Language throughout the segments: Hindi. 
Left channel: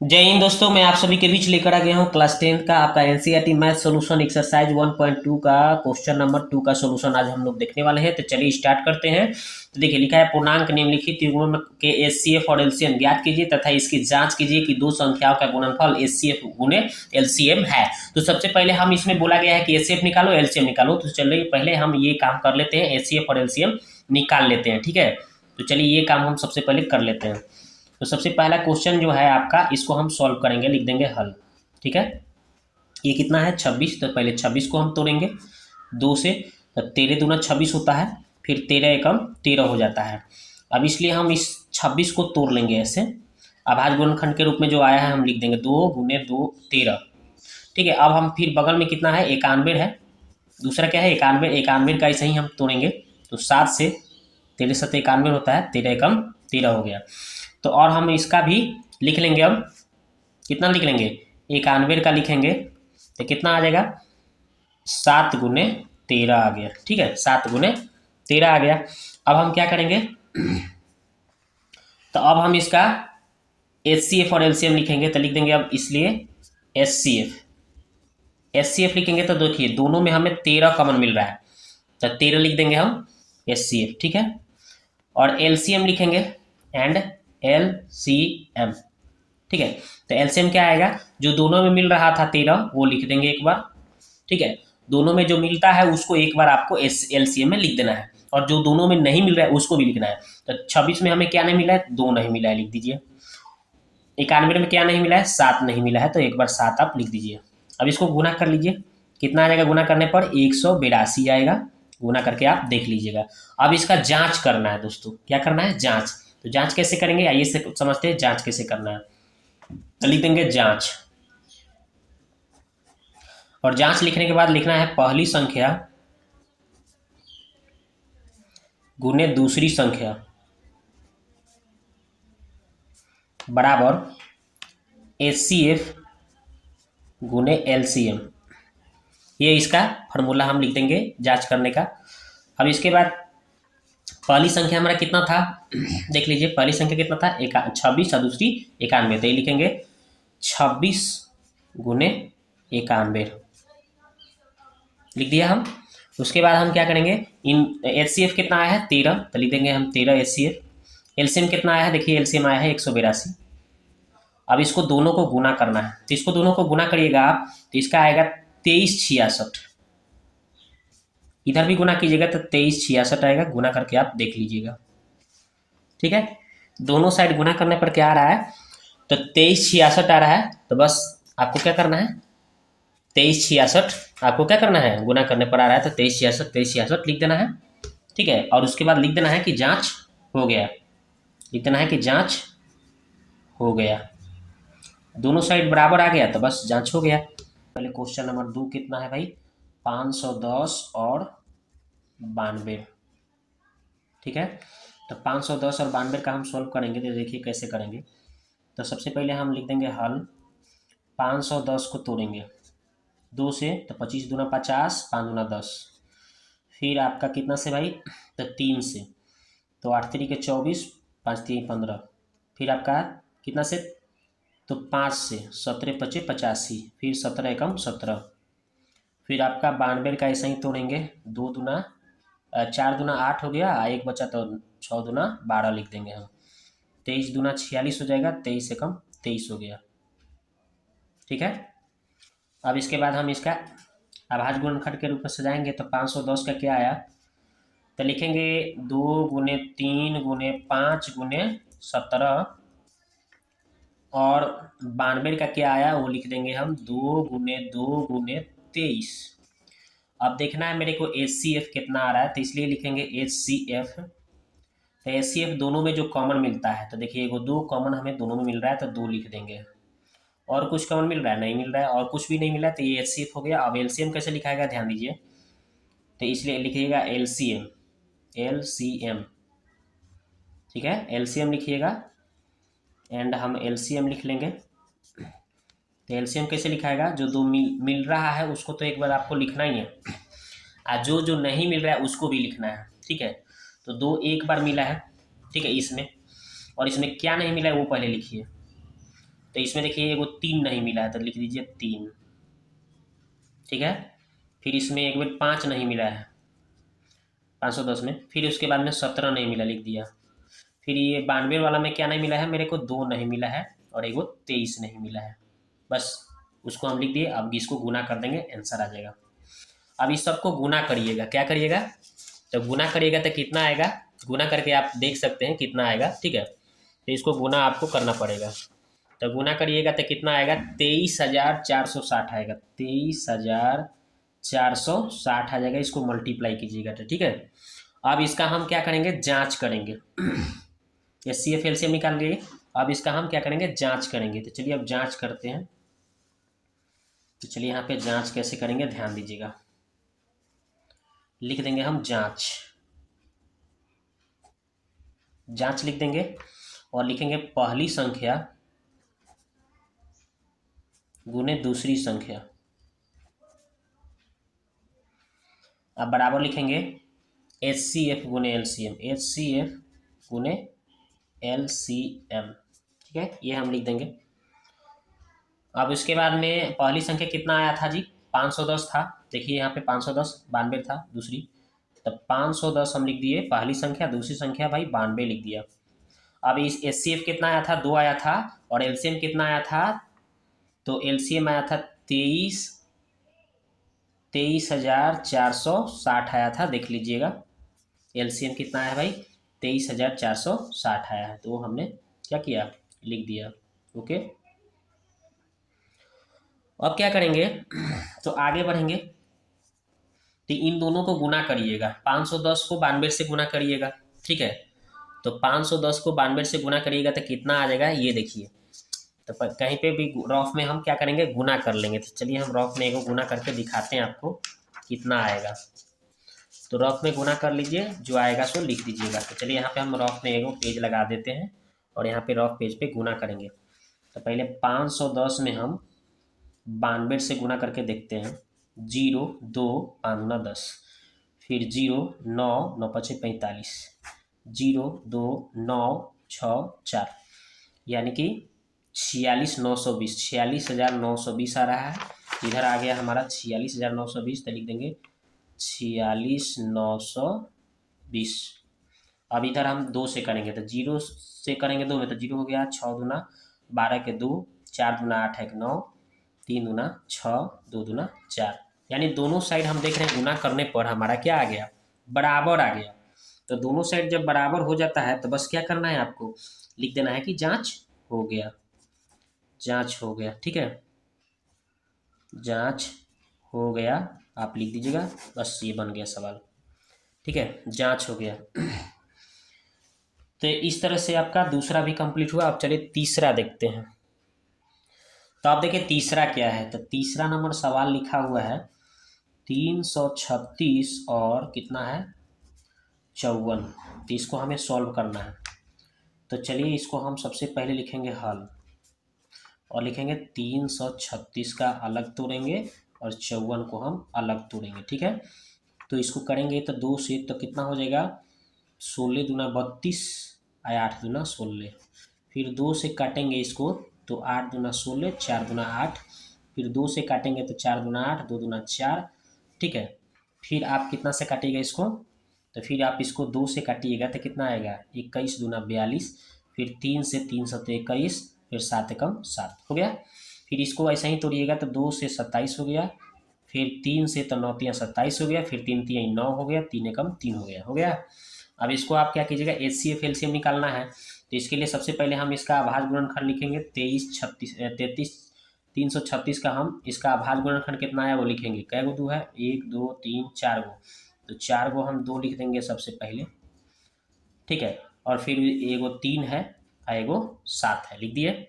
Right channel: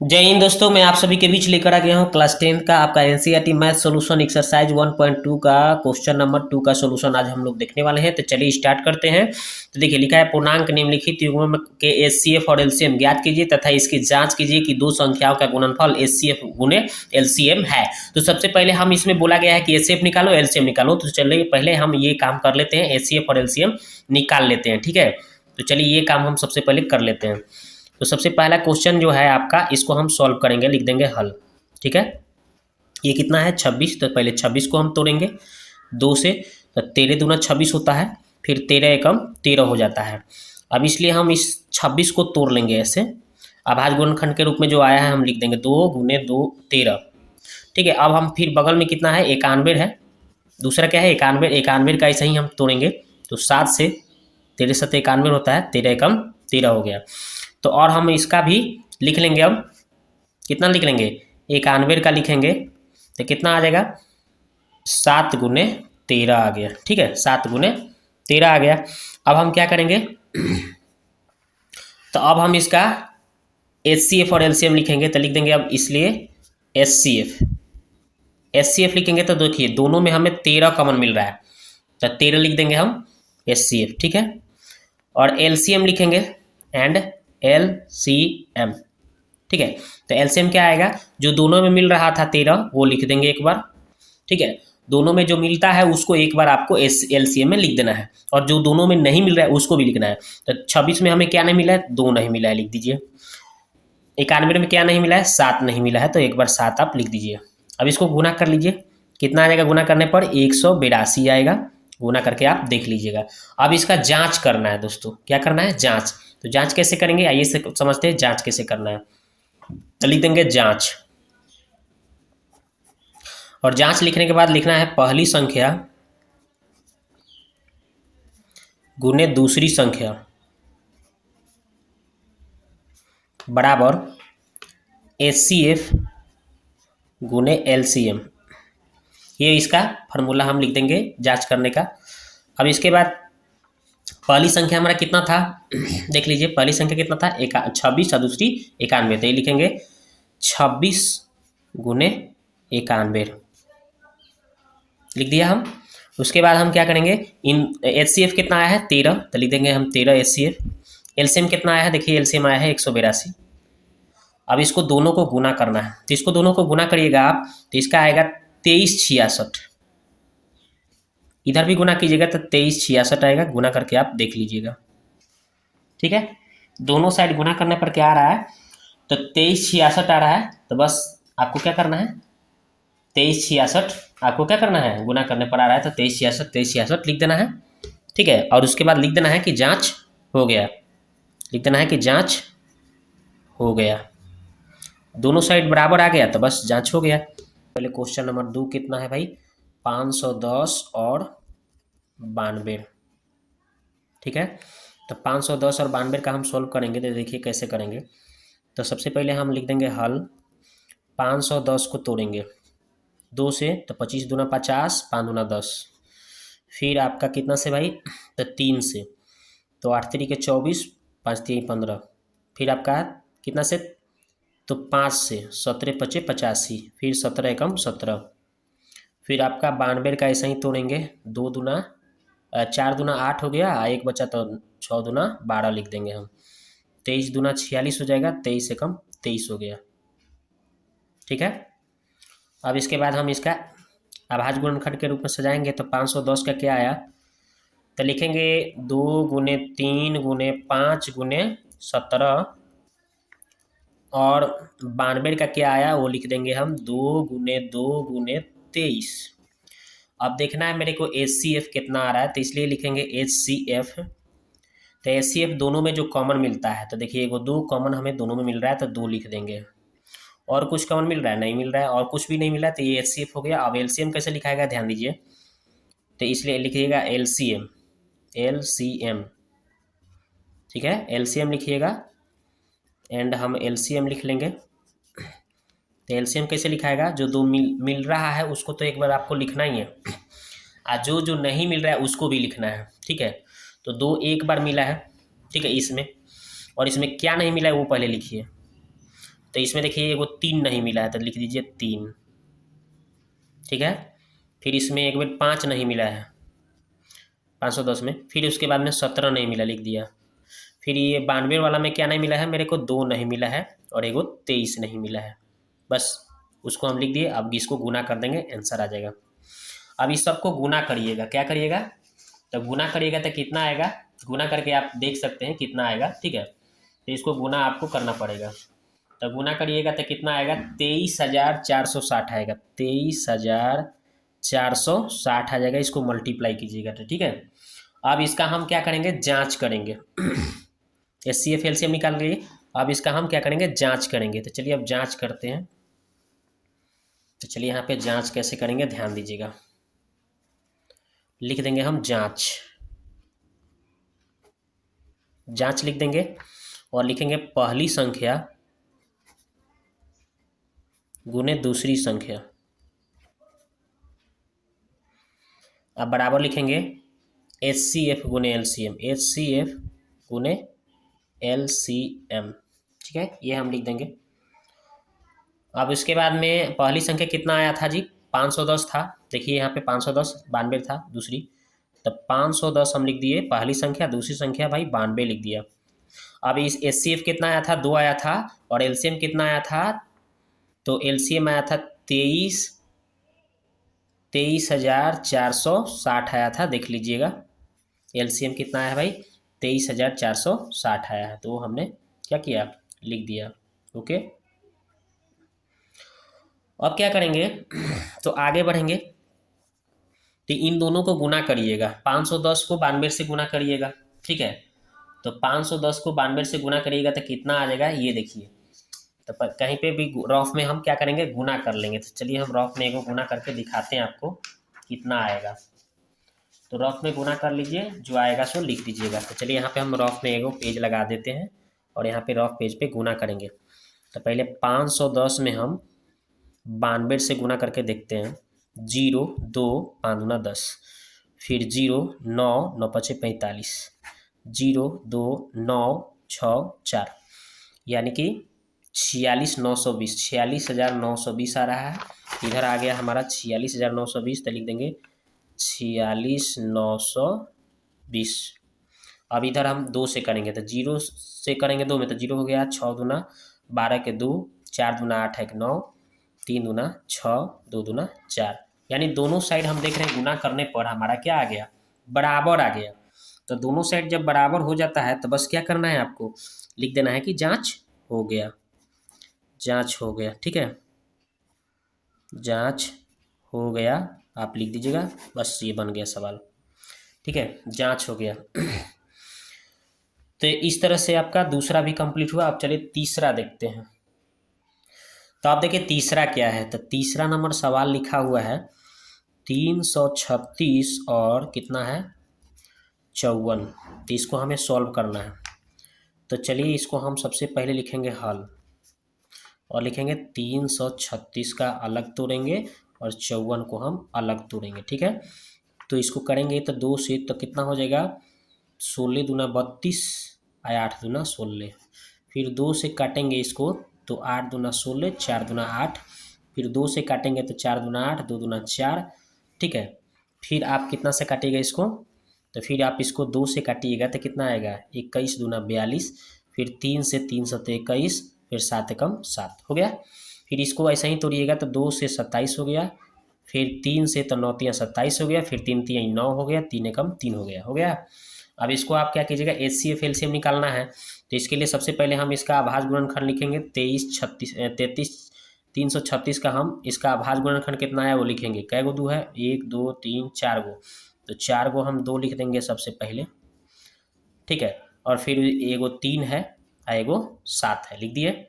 जय हिंद दोस्तों, मैं आप सभी के बीच लेकर आ गया हूँ क्लास 10 का आपका एनसीईआरटी मैथ सॉल्यूशन एक्सरसाइज 1.2 का क्वेश्चन नंबर 2 का सॉल्यूशन आज हम लोग देखने वाले हैं। तो चलिए स्टार्ट करते हैं। तो देखिए लिखा है, पूर्णांक निम्नलिखित युग्म के एचसीएफ और एलसीएम ज्ञात कीजिए तथा इसकी जांच कीजिए कि दो संख्याओं का गुणनफल एचसीएफ गुणे एलसीएम है। तो सबसे पहले हम इसमें बोला गया है कि एचसीएफ निकालो एलसीएम निकालो। तो चलिए पहले हम ये काम कर लेते हैं, एचसीएफ और एलसीएम निकाल लेते हैं। ठीक है, तो चलिए ये काम हम सबसे पहले कर लेते हैं। तो सबसे पहला क्वेश्चन जो है आपका, इसको हम सॉल्व करेंगे, लिख देंगे हल। ठीक है, ये कितना है 26। तो पहले 26 को हम तोड़ेंगे 2 से। तो 13 दूना 26 होता है, फिर 13 एकम 13 हो जाता है। अब इसलिए हम इस 26 को तोड़ लेंगे ऐसे। अभाज्य गुणनखंड के रूप में जो आया है हम लिख देंगे 2 गुने 2 13। ठीक है, अब हम फिर बगल में कितना है 91 है, दूसरा क्या है 91। 91 का ऐसे ही हम तोड़ेंगे तो 7 से 13 7 91 होता है, 13 एकम 13 हो गया। तो और हम इसका भी लिख लेंगे। अब कितना लिख लेंगे 91 का लिखेंगे तो कितना आ जाएगा 7 गुने 13 आ गया। ठीक है, 7 गुने 13 आ गया। अब हम क्या करेंगे, तो अब हम इसका एच सी एफ और एलसीएम लिखेंगे। तो लिख देंगे अब इसलिए S C F. S C F लिखेंगे तो देखिए दोनों में हमें 13 कॉमन मिल रहा है, तो 13 लिख देंगे हम एस सी एफ। ठीक है, और एलसीएम लिखेंगे एंड एल सी एम। ठीक है, तो एलसीएम क्या आएगा, जो दोनों में मिल रहा था 13 वो लिख देंगे एक बार। ठीक है, दोनों में जो मिलता है उसको एक बार आपको एलसीएम में लिख देना है, और जो दोनों में नहीं मिल रहा है उसको भी लिखना है। तो 26 में हमें क्या नहीं मिला है, 2 नहीं मिला है, लिख दीजिए। 91 में क्या नहीं मिला है, 7 नहीं मिला है, तो एक बार 7 आप लिख दीजिए। अब इसको गुना कर लीजिए, कितना आ जाएगा गुना करने पर 182 आएगा। गुना करके आप देख लीजिएगा। अब इसका जांच करना है दोस्तों, क्या करना है जांच। तो जांच कैसे करेंगे आइए से समझते हैं जांच कैसे करना है। तो लिख देंगे जांच, और जांच लिखने के बाद लिखना है पहली संख्या गुने दूसरी संख्या बराबर एचसीएफ गुने एलसीएम। ये इसका फॉर्मूला हम लिख देंगे जांच करने का। अब इसके बाद पहली संख्या हमारा कितना था देख लीजिए, पहली संख्या कितना था 26 और दूसरी 91। तो ये लिखेंगे 26 गुने 91 लिख दिया हम। उसके बाद हम क्या करेंगे, इन एच सी एफ कितना आया है 13, तो लिख देंगे हम 13 एच सी एफ। एलसीएम कितना आया है, देखिए एलसीएम आया है 182। अब इसको दोनों को गुना करना है, तो इसको दोनों को गुना करिएगा आप, तो इसका आएगा 2366। इधर भी गुना कीजिएगा तो 2366 आएगा, गुना करके आप देख लीजिएगा। ठीक है, दोनों साइड गुना करने पर क्या आ रहा है, तो 2366 आ रहा है। तो बस आपको क्या करना है, 2366 आपको क्या करना है, गुना करने पर आ रहा है तो 2366 लिख देना है। ठीक है, और उसके बाद लिख देना है कि जांच हो गया, लिख देना है कि जांच हो गया। दोनों साइड बराबर आ गया तो बस जांच हो गया। पहले क्वेश्चन नंबर 2 कितना है भाई, 510 और 92। ठीक है, तो 510 और 92 का हम सोल्व करेंगे। तो देखिए कैसे करेंगे। तो सबसे पहले हम लिख देंगे हल। 510 को तोड़ेंगे 2 से, तो 25 दूना 50, 5 दूना 10। फिर आपका कितना से भाई, तो 3 से, तो 8 3 के 24, 5 3 15। फिर आपका कितना से, तो 5 से, 17 पचे 85, फिर 17 एकम 17। फिर आपका 92 का ऐसा ही तोड़ेंगे, 2 दूना 4 दूना 8 हो गया, एक बचा तो 6 दूना 12 लिख देंगे हम। 23 दूना 46 हो जाएगा, 23 एकम 23 हो गया। ठीक है, अब इसके बाद हम इसका अभाज्य गुणनखंड के रूप में सजाएंगे। तो 510 का क्या आया, तो लिखेंगे 2 गुने 3 गुने 5 गुने 17, और 92 का क्या आया वो लिख देंगे हम 2 गुने 2 गुने 23। अब देखना है मेरे को एच सी एफ कितना आ रहा है, तो इसलिए लिखेंगे एच सी एफ। तो एच सी एफ दोनों में जो कॉमन मिलता है, तो देखिए एगो 2 कॉमन हमें दोनों में मिल रहा है तो 2 लिख देंगे। और कुछ कॉमन मिल रहा है, नहीं मिल रहा है, और कुछ भी नहीं मिला, तो ये एच सी एफ हो गया। अब एल सी एम कैसे लिखाएगा ध्यान दीजिए, तो इसलिए लिखिएगा L C M, L C M. ठीक है, एल सी एम लिखिएगा एंड हम एल सी एम लिख लेंगे। तो एलसीएम कैसे लिखाएगा, जो दो मिल रहा है उसको तो एक बार आपको लिखना ही है, और जो जो नहीं मिल रहा है उसको भी लिखना है। ठीक है, तो 2 एक बार मिला है, ठीक है इसमें, और इसमें क्या नहीं मिला है वो पहले लिखिए। तो इसमें देखिए वो 3 नहीं मिला है तो लिख दीजिए 3, ठीक है। फिर इसमें एक बार 5 नहीं मिला है 510 में, फिर उसके बाद में 17 नहीं मिला, लिख दिया। फिर ये 92 वाला में क्या नहीं मिला है मेरे को, 2 नहीं मिला है और एगो 23 नहीं मिला है, बस उसको हम लिख दिए। अब इसको गुना कर देंगे, आंसर आ जाएगा। अब इस सबको गुना करिएगा, क्या करिएगा, तो गुना करिएगा तो कितना आएगा, गुना करके आप देख सकते हैं कितना आएगा, ठीक है। तो इसको गुना आपको करना पड़ेगा, तो गुना करिएगा तो कितना आएगा, 23,460 आएगा, 23,460 आ जाएगा। इसको मल्टीप्लाई कीजिएगा तो ठीक है। अब इसका हम क्या करेंगे, जांच करेंगे। HCF LCM निकाल लिए, अब इसका हम क्या करेंगे, जांच करेंगे। तो चलिए अब जांच करते हैं। तो चलिए यहाँ पे जांच कैसे करेंगे ध्यान दीजिएगा। लिख देंगे हम जांच, जांच लिख देंगे और लिखेंगे पहली संख्या गुने दूसरी संख्या। अब बराबर लिखेंगे HCF गुने LCM, HCF गुने LCM, ठीक है, ये हम लिख देंगे। अब इसके बाद में पहली संख्या कितना आया था जी, 510 था। देखिए यहाँ पे 510, 92 था दूसरी, तब 510 हम लिख दिए पहली संख्या, दूसरी संख्या भाई 92 लिख दिया। अब इस HCF कितना आया था, 2 आया था, और LCM कितना आया था, तो LCM आया था 23,460 आया था, देख लीजिएगा। LCM कितना आया भाई, 23,460 आया है, तो वो हमने क्या किया, लिख दिया। ओके, अब क्या करेंगे, तो आगे बढ़ेंगे। तो इन दोनों को गुना करिएगा, 510 को 92 से गुना करिएगा, ठीक है। तो 510 को 92 से गुना करिएगा तो कितना आ जाएगा, ये देखिए। तो कहीं पे भी रफ में हम क्या करेंगे, गुना कर लेंगे। तो चलिए हम रफ में एगो गुना करके दिखाते हैं आपको कितना आएगा। तो रफ में गुना कर लीजिए, जो आएगा सो लिख दीजिएगा। तो चलिए यहाँ पे हम रफ में एगो पेज लगा देते हैं और यहाँ पे रफ पेज पे गुना करेंगे। तो पहले 510 में हम 92 से गुना करके देखते हैं। 0 2 5 दूना 10, फिर 0 9 9 पचे 45, 0 2 9 6 4, यानी कि 46,920, 46,920 आ रहा है। इधर आ गया हमारा 46,920, तो लिख देंगे 46,920। अब इधर हम 2 से करेंगे, तो 0 से करेंगे 2 में, तो 0 हो गया 6 दूना 12 के 2, 4 दूना 8 1 9, 3 दूना 6, 2 दूना 4, यानी दोनों साइड हम देख रहे हैं गुना करने पर हमारा क्या आ गया, बराबर आ गया। तो दोनों साइड जब बराबर हो जाता है तो बस क्या करना है, आपको लिख देना है कि जांच हो गया, जांच हो गया, ठीक है, जांच हो गया, आप लिख दीजिएगा, बस ये बन गया सवाल, ठीक है, जांच हो गया। तो इस तरह से आपका दूसरा भी कंप्लीट हुआ। अब चलिए तीसरा देखते हैं। तो आप देखिए तीसरा क्या है, तो तीसरा नंबर सवाल लिखा हुआ है 336 और कितना है 54। तो इसको हमें सॉल्व करना है। तो चलिए इसको हम सबसे पहले लिखेंगे हल, और लिखेंगे 336 का अलग तोड़ेंगे और 54 को हम अलग तोड़ेंगे, ठीक है। तो इसको करेंगे तो 2 से, तो कितना हो जाएगा, 16 दूना 32 आया, 8 दूना 16, फिर 2 से काटेंगे इसको तो 8 दूना 16, 4 दूना 8, फिर 2 से काटेंगे तो 4 दूना 8, 2 दूना 4, ठीक है। फिर आप कितना से काटिएगा इसको, तो फिर आप इसको 2 से काटिएगा तो कितना आएगा, 21 दूना 42, फिर 3 से 3 सत्ते 21, फिर 7 एकम 7 हो गया। फिर इसको ऐसा ही तोड़िएगा तो 2 से 27 हो गया, फिर 3 से तो 9 तिया 27 हो गया, फिर 3 तिया 9 हो गया, 3 एकम 3 हो गया, हो गया। अब इसको आप क्या कीजिएगा, HCF LCM निकालना है। तो इसके लिए सबसे पहले हम इसका अभाज्य गुणनखंड लिखेंगे, 336 का हम इसका अभाज्य गुणनखंड कितना है वो लिखेंगे। कै गो 2 है, 1 2 3 4 गो, तो 4 गो हम 2 लिख देंगे सबसे पहले, ठीक है। और फिर एगो 3 है और एगो 7 है, लिख दिए।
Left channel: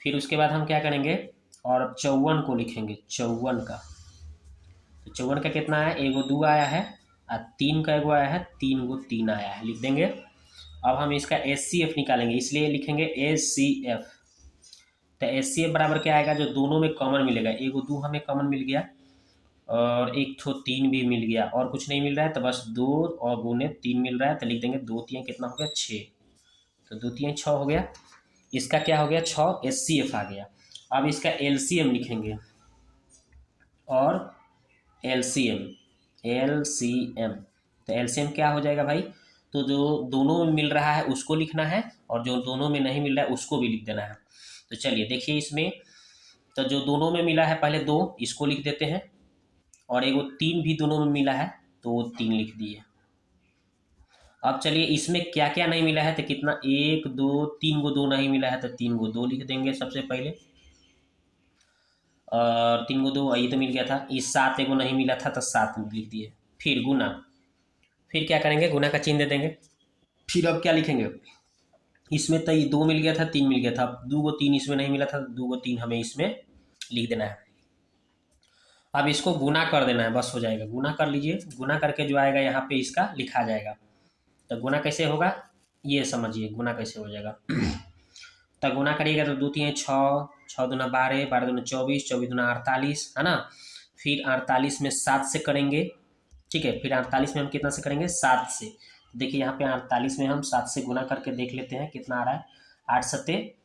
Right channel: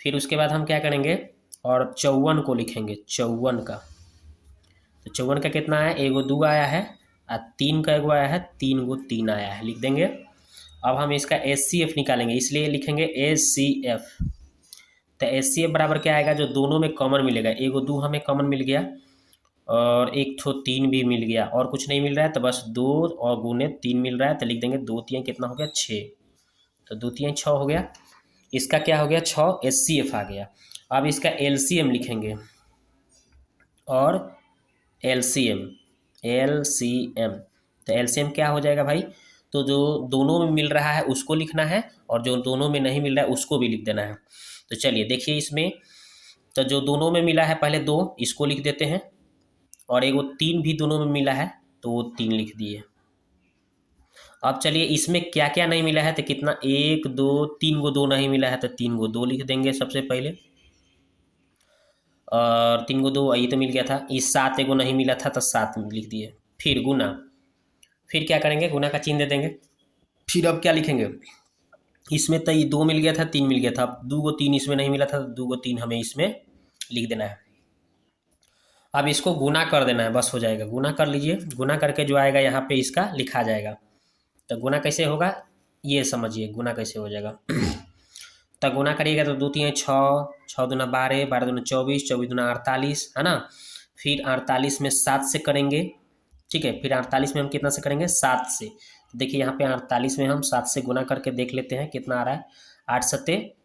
फिर उसके बाद हम क्या करेंगे, और 54 को लिखेंगे, 54 का, तो 54 का कितना है, एगो 2 आया है और 3 का एगो आया है, 3 गो 3 आया है, लिख देंगे। अब हम इसका HCF निकालेंगे, इसलिए लिखेंगे HCF। तो HCF बराबर क्या आएगा, जो दोनों में कॉमन मिलेगा, एगो 2 हमें कॉमन मिल गया और एक ठो 3 भी मिल गया, और कुछ नहीं मिल रहा है, तो बस 2 और गुने 3 मिल रहा है, तो लिख देंगे 2 तिया कितना हो गया 6, तो 2 तिया 6 हो गया। इसका क्या हो गया 6 HCF आ गया। अब इसका LCM लिखेंगे और LCM तो LCM क्या हो जाएगा भाई, तो जो दोनों में मिल रहा है उसको लिखना है और जो दोनों में नहीं मिल रहा है उसको भी लिख देना है। तो चलिए देखिए इसमें, तो जो दोनों में मिला है पहले 2 इसको लिख देते हैं और एक वो 3 भी दोनों में मिला है तो वो 3 लिख दिए। अब चलिए इसमें क्या क्या नहीं मिला है, तो कितना 1 2 3 गो 2 नहीं मिला है तो 3 गो 2 लिख देंगे सबसे पहले, और 3 गो 2 ये तो मिल गया था, इस 7 एगो नहीं मिला था तो 7 लिख दिए। फिर गुना, फिर क्या करेंगे गुना का चिन्ह दे देंगे। फिर अब क्या लिखेंगे, इसमें तो ये 2 मिल गया था 3 मिल गया था, अब 2 गो 3 इसमें नहीं मिला था तो 2 गो 3 हमें इसमें लिख देना है। अब इसको गुना कर देना है, बस हो जाएगा। गुना कर लीजिए, गुना करके जो आएगा यहाँ पे इसका लिखा जाएगा। तो गुना कैसे होगा ये समझिए, गुना कैसे हो जाएगा। तो गुना करिएगा तो 2 3 6, 6 दूना 12, 12 दूना 24, 24 दूना 48 है ना। फिर 48 में 7 से करेंगे, ठीक है। फिर 48 में हम कितना से करेंगे 7 से। देखिए यहाँ पे 48 में हम 7 से गुना करके देख लेते हैं कितना आ रहा है। 8 सत्ते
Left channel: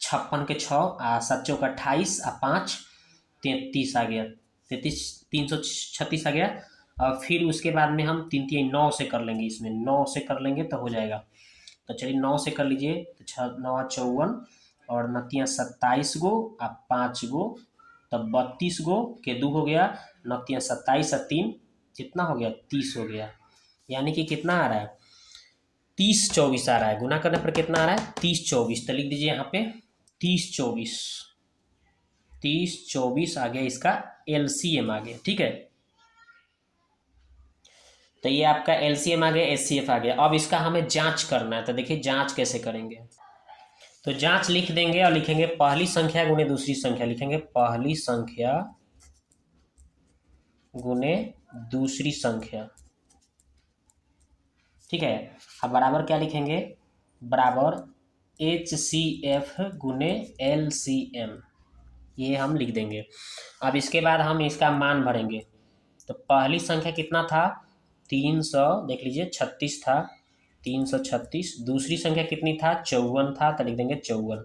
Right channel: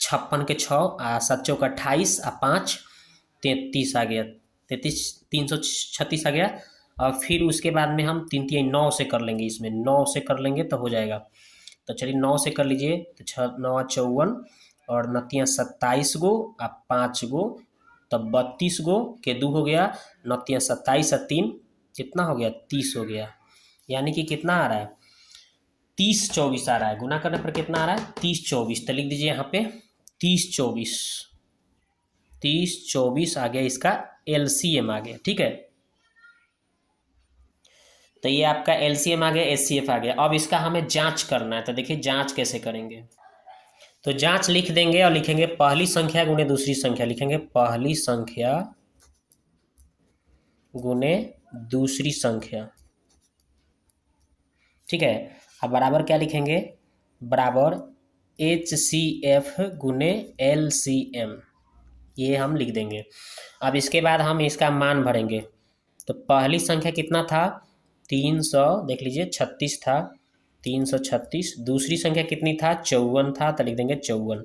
56 के 6, 7 चौक 28, 5 33 आ गया, 33 336 आ गया। और फिर उसके बाद में हम 3 3 9 से कर लेंगे, इसमें 9 से कर लेंगे तो हो जाएगा। तो चलिए 9 से कर लीजिए, तो 6 9 54 और 9 27 गो और 5 गो, तब 32 गो के 2 हो गया, 9 27 और 3 कितना हो गया 30 हो गया। यानी कि कितना आ रहा है 30 24 आ रहा है। गुना करने पर कितना आ रहा है 30 24। तो लिख दीजिए यहाँ पे 30 24, 30 24 आ गया, इसका LCM आ गया, ठीक है। तो ये आपका LCM आ गया, HCF आ गया। अब इसका हमें जांच करना है, तो देखिए जांच कैसे करेंगे। तो जांच लिख देंगे और लिखेंगे पहली संख्या गुने दूसरी संख्या, लिखेंगे पहली संख्या गुने दूसरी संख्या, ठीक है। अब बराबर क्या लिखेंगे, बराबर HCF गुने LCM, ये हम लिख देंगे। अब इसके बाद हम इसका मान भरेंगे। तो पहली संख्या कितना था 300, देख लीजिए 36 था, 336। दूसरी संख्या कितनी था 54 था, तो लिख देंगे 54।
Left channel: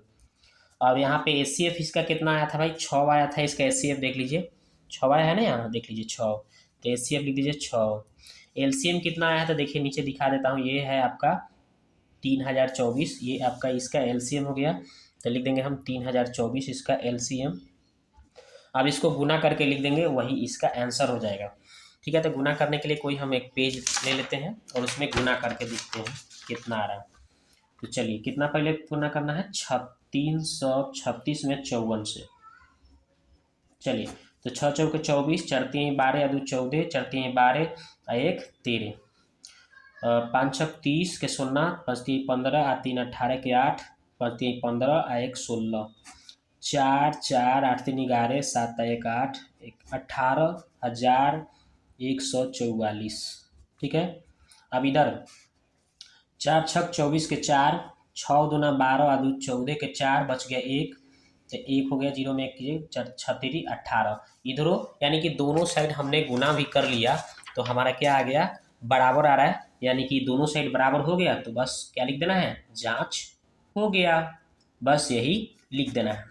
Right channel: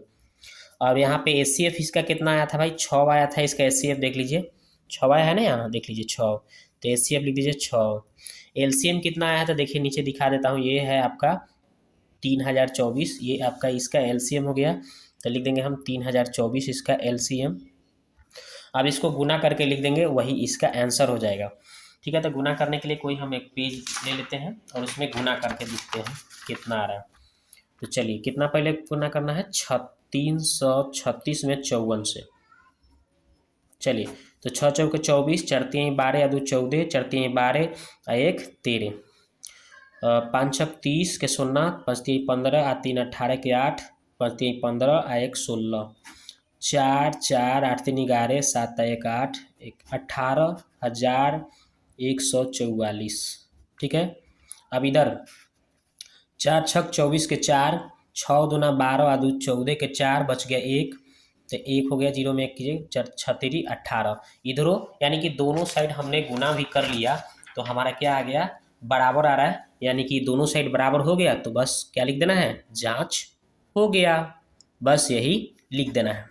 अब यहाँ पे HCF इसका कितना आया था भाई 6 आया था, इसका HCF देख लीजिए 6 आया है ना, यहाँ देख लीजिए 6, तो HCF लिख दीजिए 6। LCM कितना आया था देखिए नीचे दिखा देता हूँ, ये है आपका 3024, ये आपका इसका LCM हो गया। तो लिख देंगे हम 3024 इसका LCM। अब इसको गुना करके लिख देंगे, वही इसका आंसर हो जाएगा, ठीक है। तो गुना करने के लिए कोई हम एक पेज ले लेते हैं और उसमें गुना करके देखते हैं कितना आ रहा है। तो चलिए कितना पहले गुना करना है 336 में 54 से। चलिए तो 6 चौके 24, 4 3 12 या 2 14, 4 3 12 और 1 13, 5 6 30 के 0, 5 3 15 और 3 18 के 8, 5 3 15 और 1 16, 4 4 8 3 11, 7 1 8, 18,144, ठीक है। अब इधर 4 6 24 के 4, 6 दूना 12 और 2 14 के 4, बच गया 1, तो 1 हो गया, 0 में 1 कीजिए, 6 3 18 इधरों, यानी कि दोनों साइड हमने गुना भी कर लिया तो हमारा क्या आ गया बराबर आ रहा है, यानी कि दोनों साइड बराबर हो गया। तो बस क्या लिख देना है, जांच हो गया, बस यही लिख देना है।